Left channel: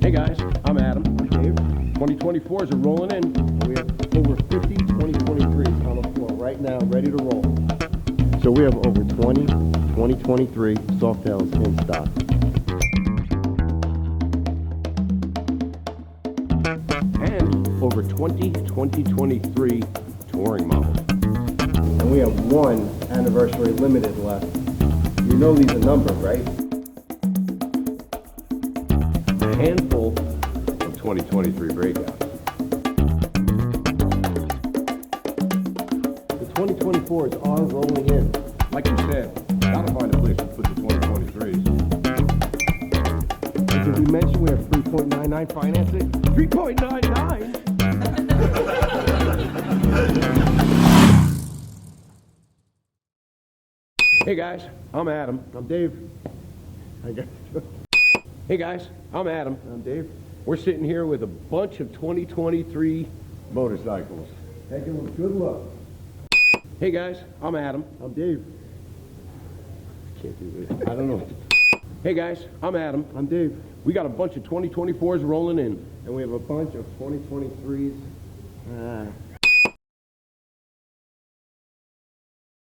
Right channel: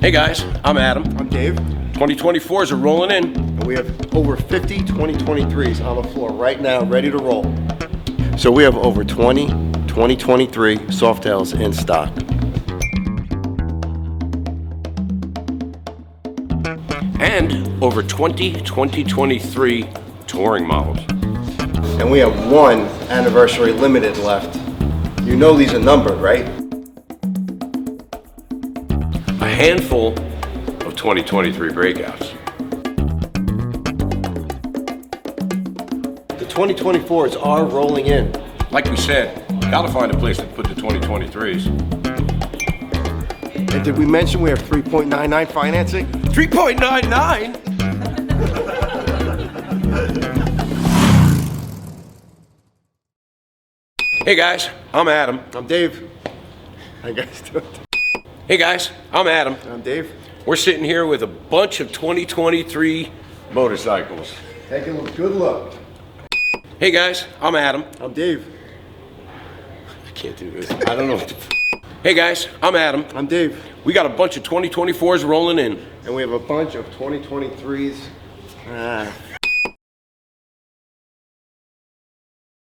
Hey guys, I'm Adam. I'm Dave. 2024s are rolling in. And we have over 50 2023s on the floor right now, ready to roll. So we have over 20 2023 Softails in stock. And over 20 2023 touring models. And we have one anniversary limited left. You know these are numbered, right? A handful of 2023 breakouts. The 2024s are rolling in. Like we said, gotta find a place to put the 2023s. And did we mention we have 3.99 financing? 3.99? Hey guys, I'm Adam. I'm Dave. How you guys doing? Hey guys, I'm Adam. I'm Dave. We're sitting here with a bunch of 2023 motorcycles. Take a good look. Hey guys, I'm Adam. I'm Dave. I can't do this. I don't know what to... Hey guys, I'm Adam. I'm Dave. We got a bunch of 2024s rolling in. And we have a bunch of 2023s.